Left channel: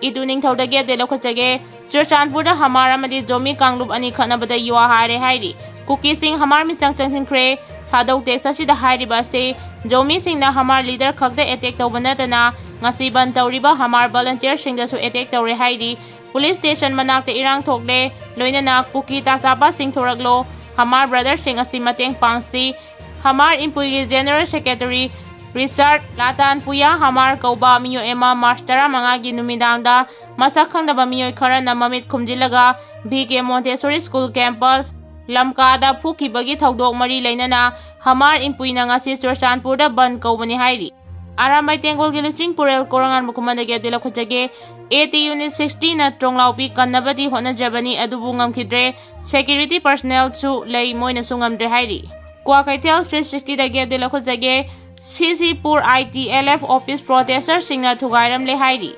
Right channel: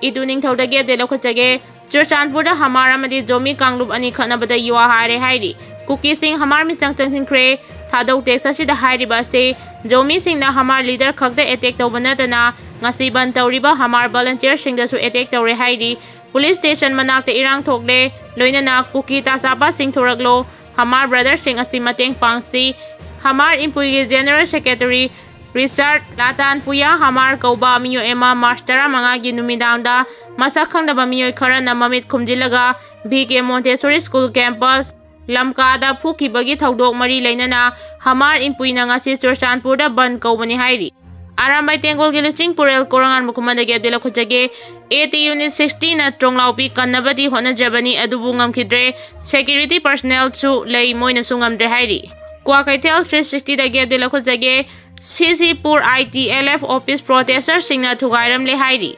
Idu ningthauda gap de lokhachage Churchanpur da Hamar Amadi Zomi Kanglub ani khanabada yuwa hare hairi Kuki sing Hamar mi changchangkhre thadau texa sida hairiba se Zomi sing na Hamar leader khakda attack tawbana dana ngasi ban tawriba Hamar volunteer sing da su attack tawre hairi Police station manakta irang thokle loinana Kuki tasaba sing thoraglo Hamar brother sing asi mateng pangsi Hamar impui general secretary Richard Latan Puya Hamar Kauba Miyo Emma Marstara Mangagi Numidangda Masakhang da Bamiyo Kara na Mamit Kumjilaga BK Montessori School Campus Lamkada Puki Bagi Thaudok Mari Lainana Hamar impui na ngasi Churchanpur da ban kaubani hairi Aramai Tengol Gilusing Purel Korangan Mukumanda Gebdela Khojage 80 Unit 60 na Tronglaupi Kanabadi Hona Jabani Adubungam Kidre Security Personnel Chu Lay Moina Sungam de hairi Kwa Kaitel 360 da Gebdela Khojage Ccpur Itlf Office Protester Singna Thugykhre le hairi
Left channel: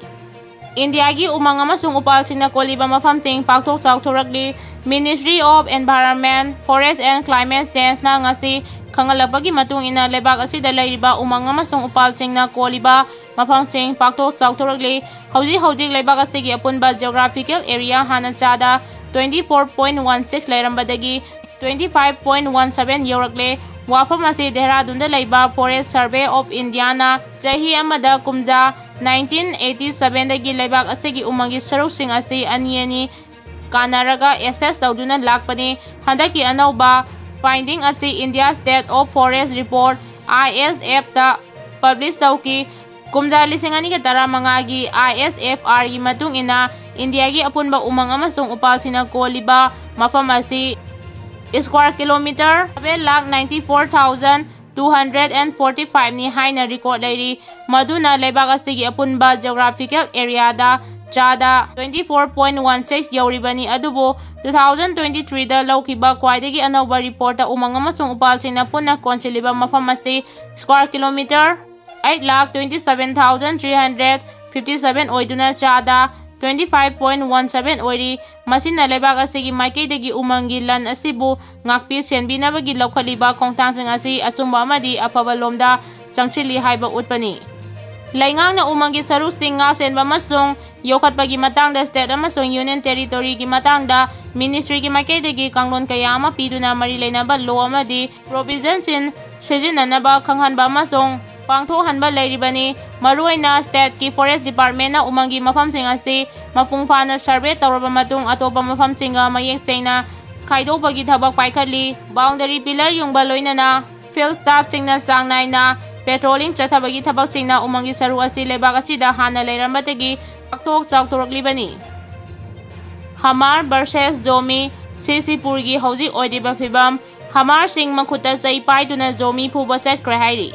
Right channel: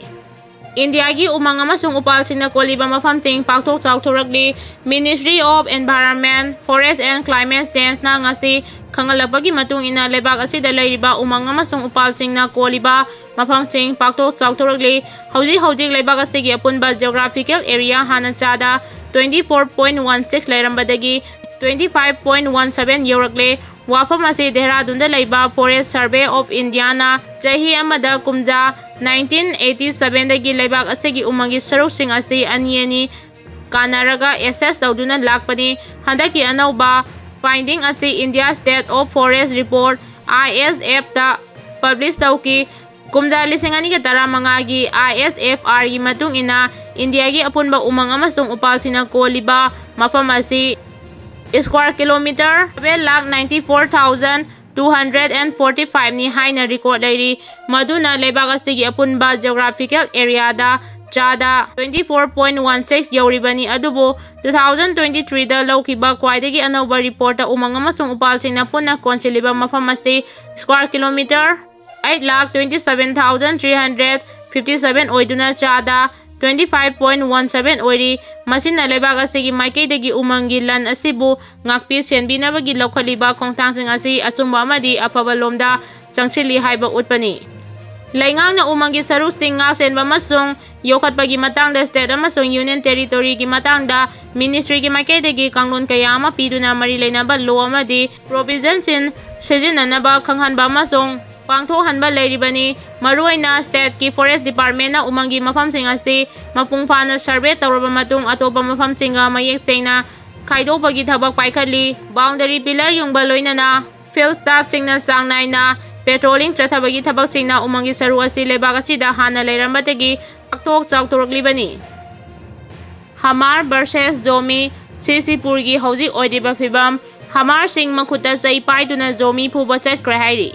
India gi umang amasung upal singna koliba mafam ting pakthok chawthorakli Ministry of Environment Forest and Climate Change na ngasi khangalapagi matung ina lebak asida leiriba umang amasung upal singna koliba mafam ting pakthok chawthorakli hauji lebak asigi apunba geographical area hana chada 24.16 leirambadagi 25.17 yorakle Wafam asi Dehradun da laiba Forest Survey of India na chahi amada kumja 1987 dagi laibak asigi umangi saruk sing asi aniani kanaraga assess tawduna lakpani handaki anauba finding asi India State of Forest Report ISF ta publish tawki kumja lisingani ka tara mangagi ISFR gi matung ina India gi apunba umang amasung upal sina koliba mafam asi square kilometer 794,245 ni haina record dairi maduna lebak asigi apunba geographical area da chada 24.16 yauribani adubo 2023 da laukiba kwaidagi anauba report da umang amasung upal singna punna konsiliba mafam asi square kilometer 8,27,357 oiduna chada 25.17 oiri masina lebak asigi maikaidagi umangi lan asibu ngakpi senbinabagi laukhaliba khongtangsing asi asumba amadi afaba lomda changchili haiba utpani laingang na umangi saruk sing nga senba masung yokhatpagi matangda state amasung union territory gi matangda ministry gi maikaidagi kanglon kaya ama piduna mari leinaba law amadi provisions in sijinanaba khanghanba amasung Pangtho hanba leiribani maruaina state ki forest department na umangi mafam sing asi mapungfa na survey tawraba matung atopa mafam singa mayek chaina khaidopagi thabak paikhali boundary pillar yungba loinana field staff singna sangnai na patrolling chathabagi thabak singna umangi saru asi lebak asida hana leirambatagi pakthok chawthoraklibani Hamar versus Zomi Ccpur gi hauji oidiba phibam Hamar sing makhuta sai paiduna Zomi phuba chakkhre hairi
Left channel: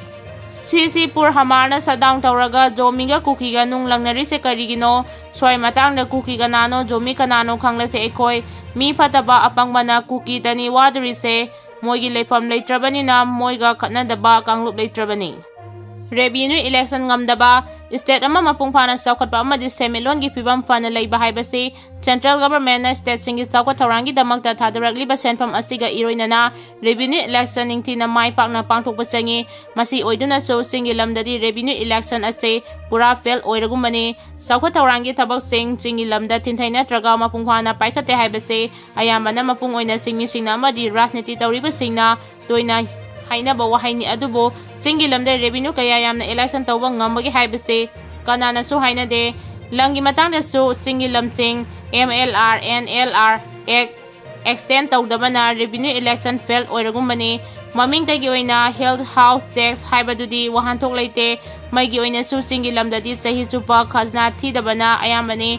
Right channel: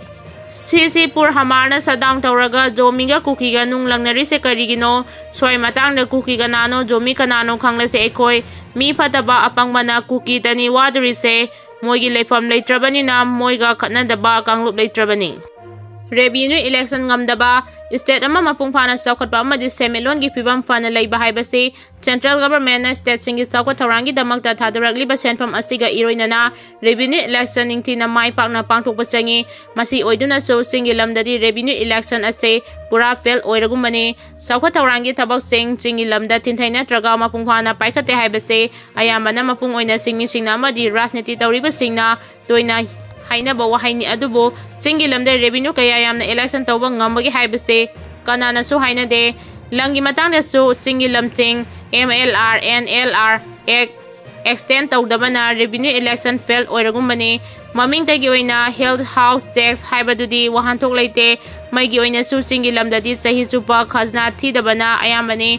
Ccpur Hamar na sadang tawraga Zomi ga Kuki ga nung langnari se karigino swai matang da Kuki ga nano Zomi kanano khangla se ekoi mi phataba apangba na Kuki tani wadri se moigi leifam leitrabani na moiga khatnadaba kanglup leitrabani Revenue election ngamdaba state ama mapungfana sawkhatpa amadi semelon gi pibam fana leiba haibasi central government na state singi sawkhat tharangi damakta thadarakli ba senfam asiga iroinana revenue election ningtina mai pakna pangthokpa changi masi oiduna so singi lamdadi revenue election ase pura fail oiragumani sawkhat tharangi thabak sing chingi lamda tinthaina traga mapungfana paikhate haibase ayamana mapung oina singmi singna amadi rajniti tawriba singna toina haina ba wahaini adubo chingi lamda revenue kaya yamna election tawba ngambagi haibase kanana su haina de langi matangda su chingi lamting MLR NLR extend tawdabana revenue election fail oiragumbani maming tagi oina health house tax haibadudi wahanthok leite maigi oina su chingi lamdadi sahi chupa khazna thidabana ayambani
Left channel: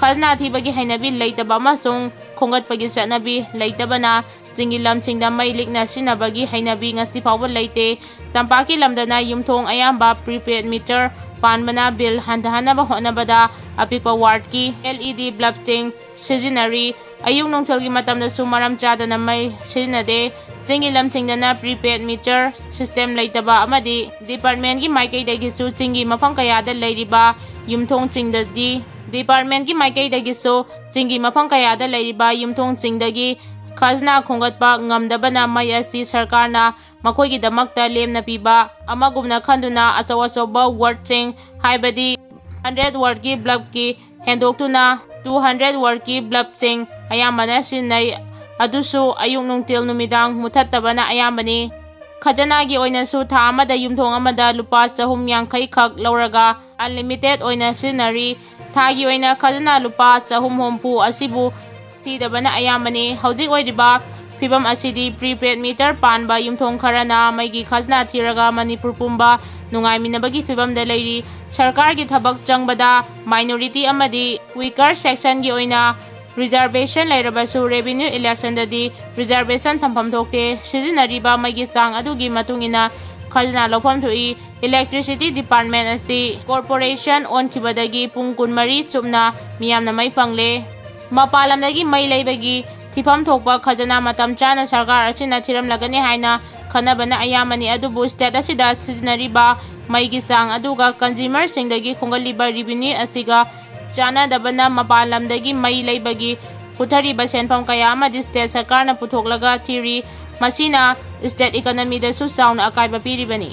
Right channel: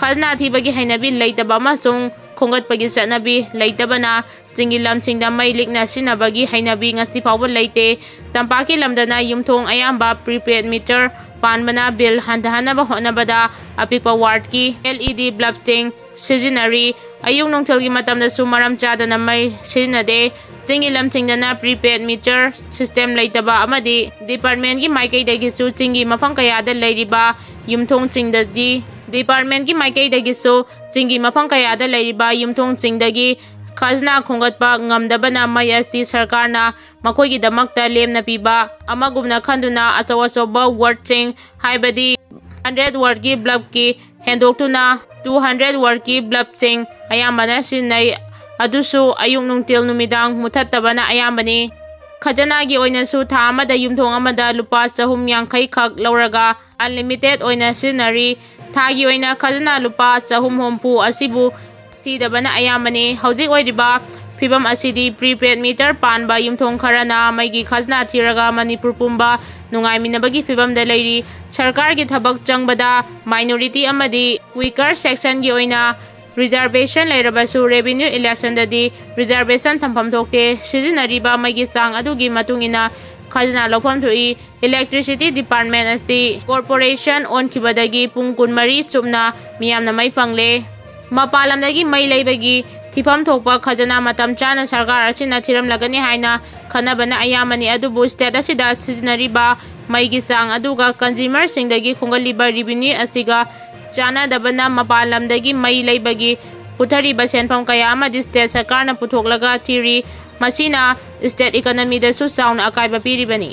khazna thibagi hainabi leitaba masung khongat pagi sanabi leitabana jingi lamchingda mai likna sinabagi hainabi ngasi fawba leite tampaki lamdana yumthong ayamba prepaid meter panbana bill handahana ba honabada apikpa ward ki LED bulb ting sijinari ayung nongthelgi matamda sumaram chadana mai sinade jingi lamchingdana prepaid meter system leitaba amadi department ki maikai dagi su jingi mafang kayada leiriba yumthong chingdadi department ki maikai dagi su jingi mafang kayada leiriba yumthong chingdagi khazna khongatpa ngamdabana mai asi sarkarna makhoi damakta lemna piba amagumna khanduna achawa choba word ching haibadi 100 word ki bulb ki hendoktuna 200 word ki bulb sing ayambana sinai adusu ayung nungtil numidang muthattabana ayambani khajana gi oina su tha amada yumthong amada lupa 350 khak lauraga unlimited oina sinari tha gi oina khajana lupa 300 asibu thidabana ayambani hauzik oidiba Fibam asidi prepaid meter panba yumthong kharana maigi khazna thiraga Manipur pumba nungai minabagi fibam da leiri sarkar gi thabak changbada minority amadi weaker section gi oina reservation leirabasu revenue election dadi reservation thampham thokte sijinariba maigi sang adugi matungina khazna lopham thui electricity department asi corporation on khibadagi pung 13 chumna miyamna mai fangle mapalamdagi mai leibagi Thifam thokpa khajana matam chana sarkar asina thiram lagani haina khanabana ayamani adubu state asida sijinariba maigi sang aduga consumer singdagi khongaliba revenue asiga chana dabana mapalamdagi mai leibagi puthariba senpham kaya amadi state sarkarna puthoklaga thiri masina state economy da su sound akaiba piribani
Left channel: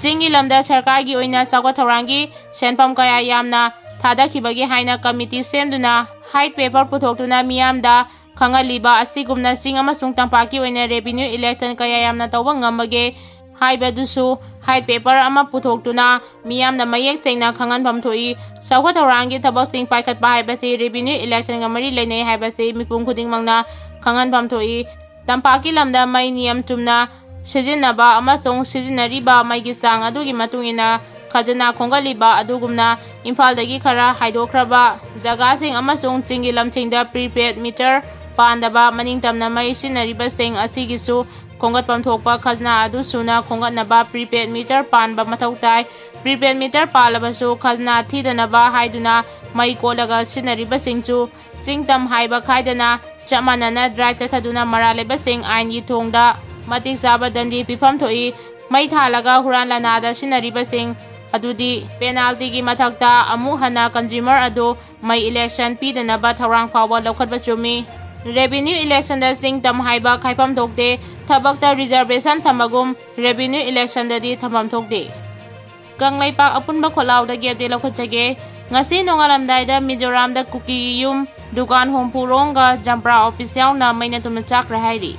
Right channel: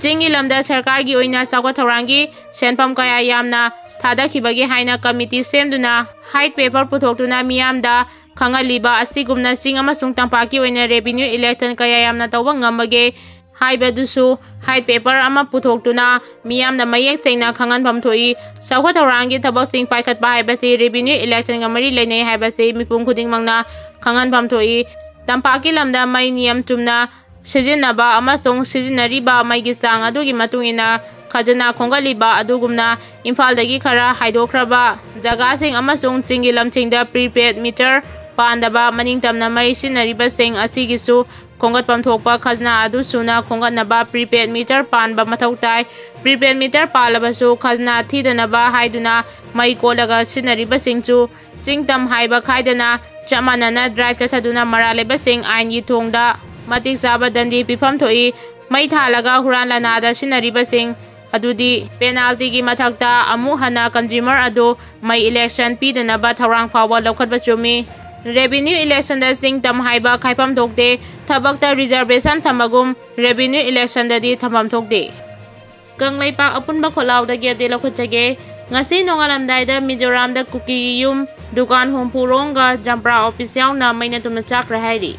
chingi lamda sarkargi oina sakwa thorangi senpham kaya yamna thada khibagi haina committee semduna height paper puthokduna miyamda Khangaliba asigumna sing amasung tampaki oina revenue election kaya yamna tawba ngamage haibadusu height paper ama puthoktuna miyamna mayek chaina khangan pham thoi sakwa thorangi thabak sing paikhat ba haibasi revenue election ngamari leinei haibasi mipum khuding mangna khangan pham thoi tampaki lamda mai niyam tumna sijinaba amasung sijinariba maigi sang adugi matungina khajana khongaliba adugumna imphaldagi khara haidokraba jaga sing amasung chingi lamchingda prepaid meter pandaba maningtamna mai sinariba sing asigisu khongatpam thokpa khajna adu suna khongatnaba prepaid meter panba mathautai prepaid meter palabasu khajna thidanaba haiduna mai kolaga sinariba singchu chingtam haiba khaidana chamanana drive ta thaduna maraleba sing ain gi thongda matik saba dandi pifam thoi mai thalaga huran lanada sinariba sing adudi penalty gi mathakta amu hana consumer ado mai election pidanaba thorang fawa lokhatba chumi revenue election da sing tam haiba khaipam thokde thabakta reservation thamagum revenue election da di thamam thokde kanglaipak apunba kholaw da gap de lokhachage ngasi nongalamdai da Mizoram da Kuki yum dukan hompurong ga jampra official na Meina Chakkhre hairi